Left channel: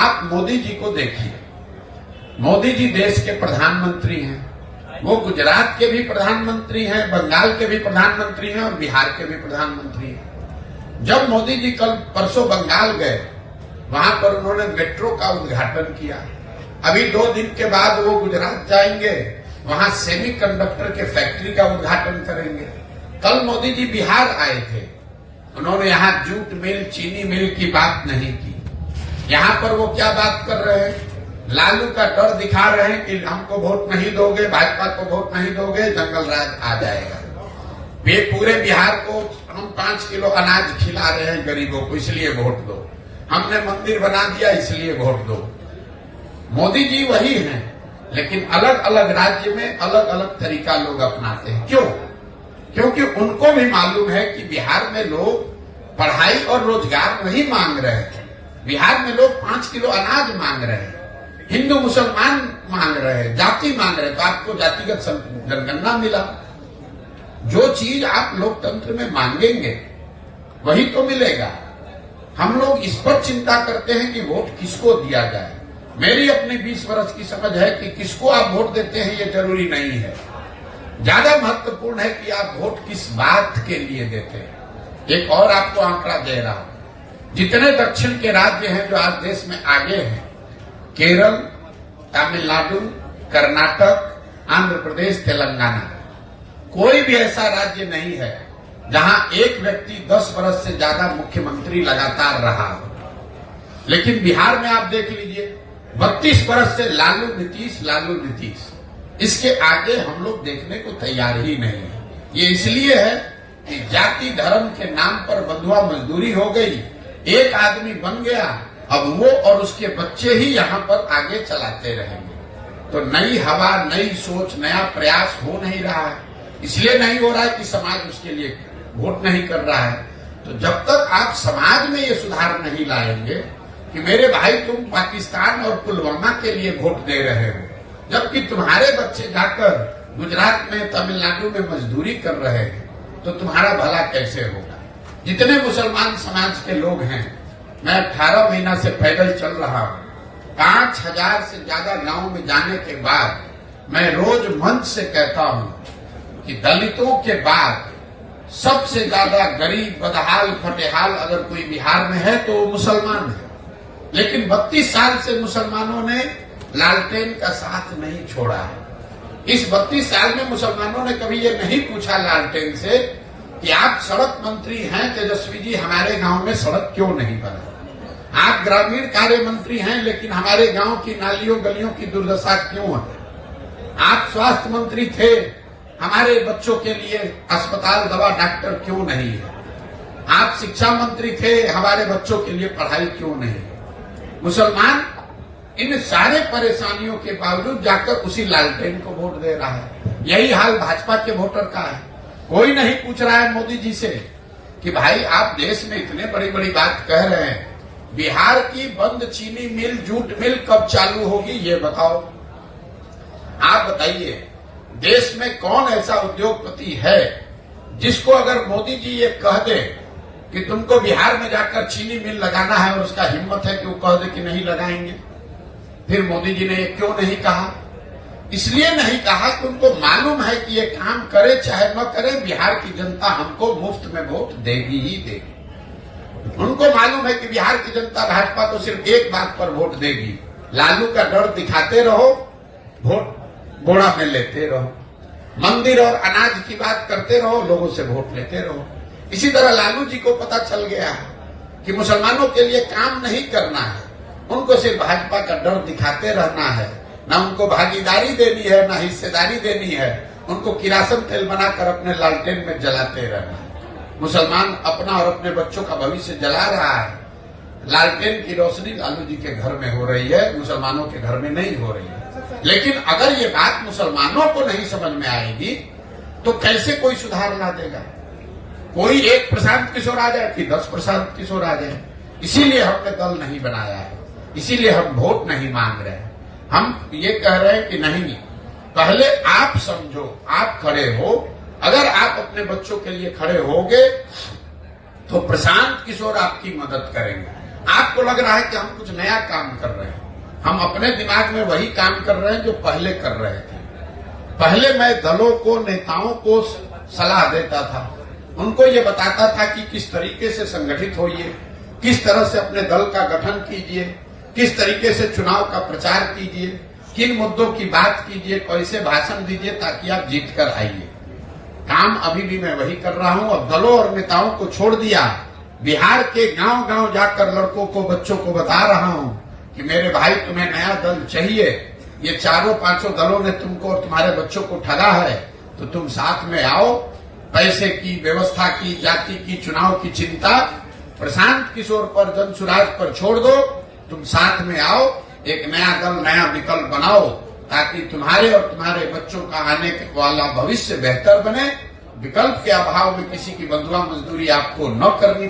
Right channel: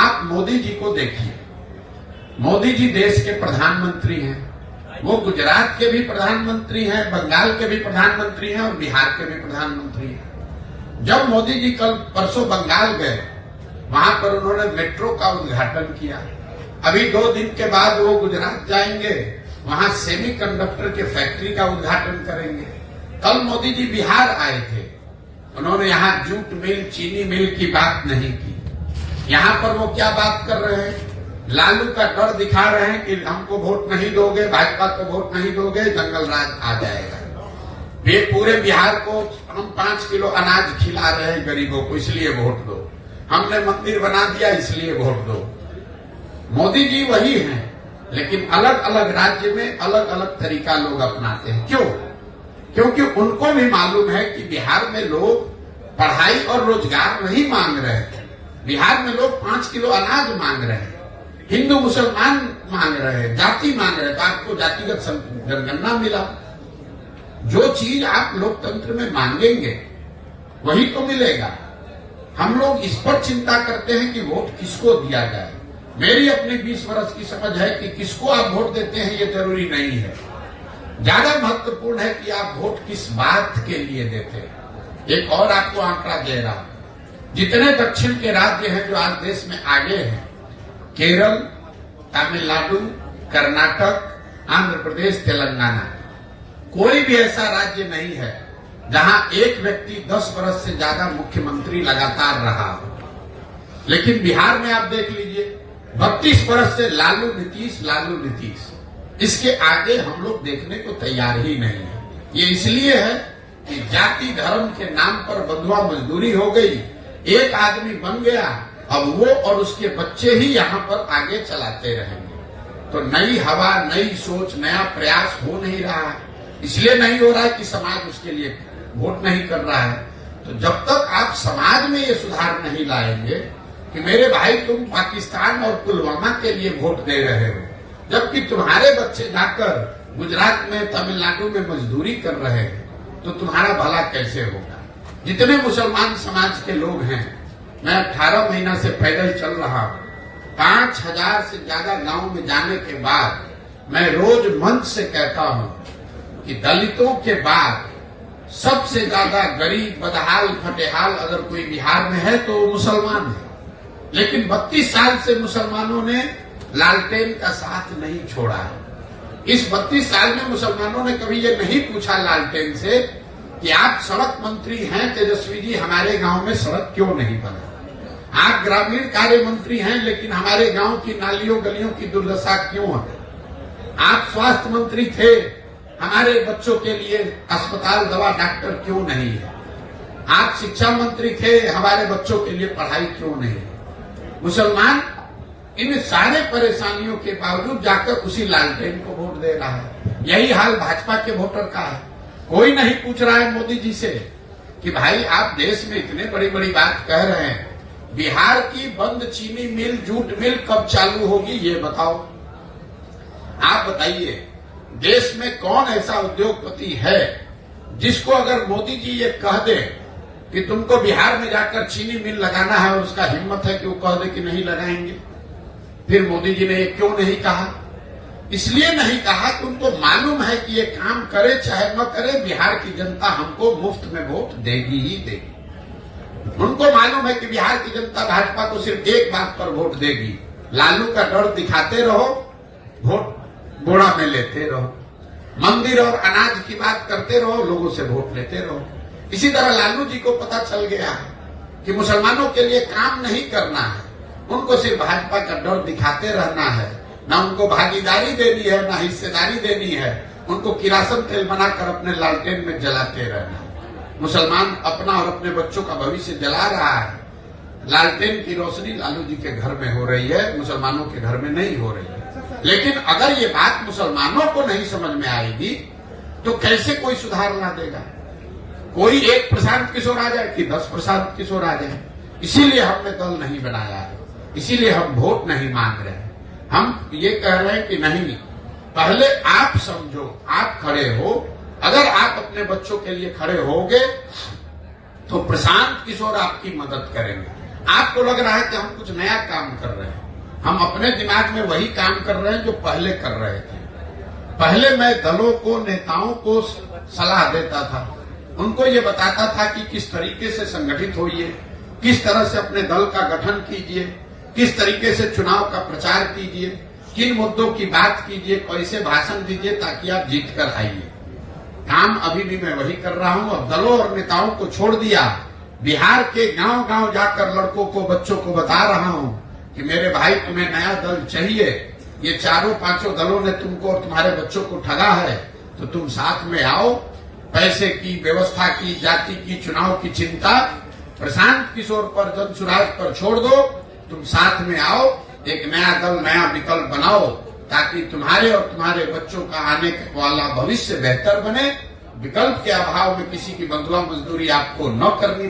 आप मोदी जी को देखिए, मोदी जी देश के प्रधानमंत्री हैं, वो गुजरात के भी प्रधानमंत्री हैं, बंगाल के भी प्रधानमंत्री हैं और बिहार के भी प्रधानमंत्री हैं। जब मोदी जी कल परसों बंगाल गए, वहां पर उन्होंने मेट्रो का उद्घाटन किया। अभी 2 दिन के बाद वो गुजरात जाएंगे, वहां सेमीकंडक्टर के फैक्ट्री का उद्घाटन करेंगे। कल मोदी जी बिहार आए थे, उन्होंने यहां जूट मिल, चीनी मिल की बात नहीं की। यहां पर वो क्या बात कर रहे हैं, लालू का डर दिखा रहे हैं कि हमको वोट नहीं दोगे, भाजपा को वोट नहीं दोगे, जंगल राज आ जाएगा। वे पूरे बिहार को हम 5 किलो अनाज खिला रहे हैं गरीबों को, इसलिए वोट दो। हमने मंदिर बना दिया, इसलिए वोट दो। मोदी जी वही हैं, लेकिन अलग अलग राज्य में अलग अलग तरीका लोग अपनाते हैं। क्यों? क्योंकि उनको भी मालूम है कि बिहार में लोग पढ़ाई और रोजगार नहीं मांग रहे हैं। बिहार में लोग 5 किलो अनाज मांग रहे हैं, हिंदू मुसलमान मांग रहे हैं, जाति मांग रहे हैं। तो आपको जातिगत जनगणना मिला। जो चीज आप लोकतंत्र में मांगेंगे वही तो मिलेगा। हम लोग इस पर चिंता करते हैं कि वोट किसको दिया जाए। मेरी अपनी 20 वर्ष की समझ है कि किसको आप वोट देते हैं ये जरूरी नहीं है। ज्यादा महत्वपूर्ण है कि आप वोट किस बात के लिए देते हैं। एक और आपको आंकड़ा दे रहा हूं, जितने दक्षिण के राज्य हैं जो आज देश में आगे हैं, केरल, तमिलनाडु, कर्नाटक, आंध्र प्रदेश, तेलंगाना, कोई भी ऐसा राज्य नहीं है जहां एक व्यक्ति 10 वर्ष से ज्यादा मुख्यमंत्री लगातार रहा हो। लेकिन बिहार में आप देख लीजिए, 32 वर्ष से लालू नीतीश, इसके आगे हम लोग देखने को तैयार ही नहीं है। ये इसलिए है कि जाति धर्म के नाम पर बंधुआ मजदूरी हो गई, एक आदमी बन गया, अब वो और उसके बच्चे ही यहाँ पर आगे चलाते रहेंगे। तो नई हवा, नई सोच, नया प्रयास हो नहीं रहा है। इसलिए नहीं हो रहा है कि समाज उसके लिए वोट नहीं कर रहा है। तो जब तक आप समाज में ये सुधार नहीं लाएंगे कि मेरे भाई तुम पाकिस्तान और पुलवामा के लिए वोट दे रहे हो, जबकि तुम्हारे बच्चे जाकर गुजरात में, तमिलनाडु में मजदूरी कर रहे हैं, तो तुम्हारा भला कैसे होगा। जितने मुसलमान समाज के लोग हैं, मैं 18 महीना से पैदल चल रहा हूं, 5000 से ज्यादा गांव में जाने के बाद मैं रोज मंच से कहता हूं कि दलितों के बाद सबसे ज्यादा गरीब, बदहाल, फटेहाल अगर कोई बिहार में है तो वो मुसलमान है। लेकिन 32 साल से मुसलमानों ने लालटेन का साथ नहीं छोड़ा है। इस 32 साल में मुसलमानों ने कभी ये नहीं पूछा लालटेन से कि आप सड़क मंत्री हैं तेजस्वी जी, हमारे गांव में सड़क क्यों नहीं बना। आप ग्रामीण कार्य मंत्री हैं, लेकिन हमारे गांव की नालियों गलियों की दुर्दशा क्यों है। आप स्वास्थ्य मंत्री थे, हमारे बच्चों के लिए अस्पताल, दवा, डॉक्टर क्यों नहीं है। आप शिक्षा मंत्री थे, हमारे बच्चों के लिए पढ़ाई क्यों नहीं है। मुसलमान इन सारे परेशानियों के बावजूद जाकर उसी लालटेन को वोट दे रहा है। यही हाल भाजपा के वोटर का है। कोई नहीं पूछ रहा है मोदी जी से कि भाई आप देश में इतने बड़ी बड़ी बात कह रहे हैं, बिहार की बंद चीनी मिल, जूट मिल कब चालू होगी ये बताओ। आप बताइए, देश में कौन ऐसा उद्योगपति है जिसको अगर मोदी जी ये कह दे कि तुमको बिहार में जाकर चीनी मिल लगाना है और उसका हिम्मत है कि वो कह दे कि नहीं लगाएंगे। फिर मोदी जी ने ये क्यों नहीं कहा? इसलिए नहीं कहा कि उनको मालूम है कि ये काम करे चाहे न करे, बिहार की जनता हमको मुफ्त में वोट देगी ही देगी। उनको मालूम है कि बिहार की जनता भाजपा को सिर्फ एक बात पर वोट देगी, लालू का डर दिखाते रहो, वोट बोड़ा में लेते रहो, मंदिर और अनाज की बात करते रहो, लोगों से वोट लेते रहो। इसी तरह लालू जी को पता चल गया है कि मुसलमानों के लिए काम नहीं करना है, उनको सिर्फ भाजपा का डर दिखाते रहना है। ना उनको भागीदारी देनी है, ना हिस्सेदारी देनी है, उनको किरासन तेल बनाकर अपने लालटेन में जलाते रहना है। मुसलमान अपना और अपने बच्चों का भविष्य जला रहा है। लालटेन की रोशनी लालू जी के घर में हो रही है, मुसलमानों के घर में नहीं हो रही है। लेकिन अगर ये बात मुसलमानों को नहीं समझ में आएगी तो कैसे कोई सुधार ला देगा। कोई एक प्रशांत किशोर आ जाए कि 10 प्रशांत किशोर आ जाए। इसीलिए हमने दल नहीं बनाया है, इसीलिए हम वोट नहीं मांग रहे हैं। हम ये कह रहे हैं कि नहीं, पहले आप समझो, आप खड़े हो। अगर आप अपने बच्चों के लिए खड़े होगे तो प्रशांत किशोर आपकी मदद करेंगे। आपको लग रहा है कि हम कुछ नया काम कर रहे हैं। हम अपने दिमाग में वही काम कर रहे हैं जो पहले कर रहे थे। पहले मैं दलों को, नेताओं को सलाह देता था, उनको ये बताता था कि किस तरीके से संगठित होइए, किस तरह से अपने दल का गठन कीजिए, किस तरीके से चुनाव का प्रचार कीजिए, किन मुद्दों की बात कीजिए, कैसे भाषण दीजिए ताकि आप जीत कर आइए। काम अभी भी मैं वही कर रहा हूं और दलों और नेताओं को छोड़ दिया। बिहार के गांव गांव जाकर लड़कों को, बच्चों को बता रहा हूं कि मेरे भाई तुम्हें नया दल चाहिए, ये चारों पांचों दलों ने तुमको और तुम्हारे बच्चों को ठगा है, तो तुम साथ में आओ। पैसे की, व्यवस्था की, जाति की, चुनाव की चिंता प्रशांत किशोर पर, जनसुराज पर छोड़ दो। तुम साथ में आओ, एक नया दल, नया विकल्प बनाओ ताकि तुम्हारे और तुम्हारे बच्चों का आने वाला भविष्य बेहतर बने। विकल्प के अभाव में किसी की बंधुआ मजदूरी आपको न करनी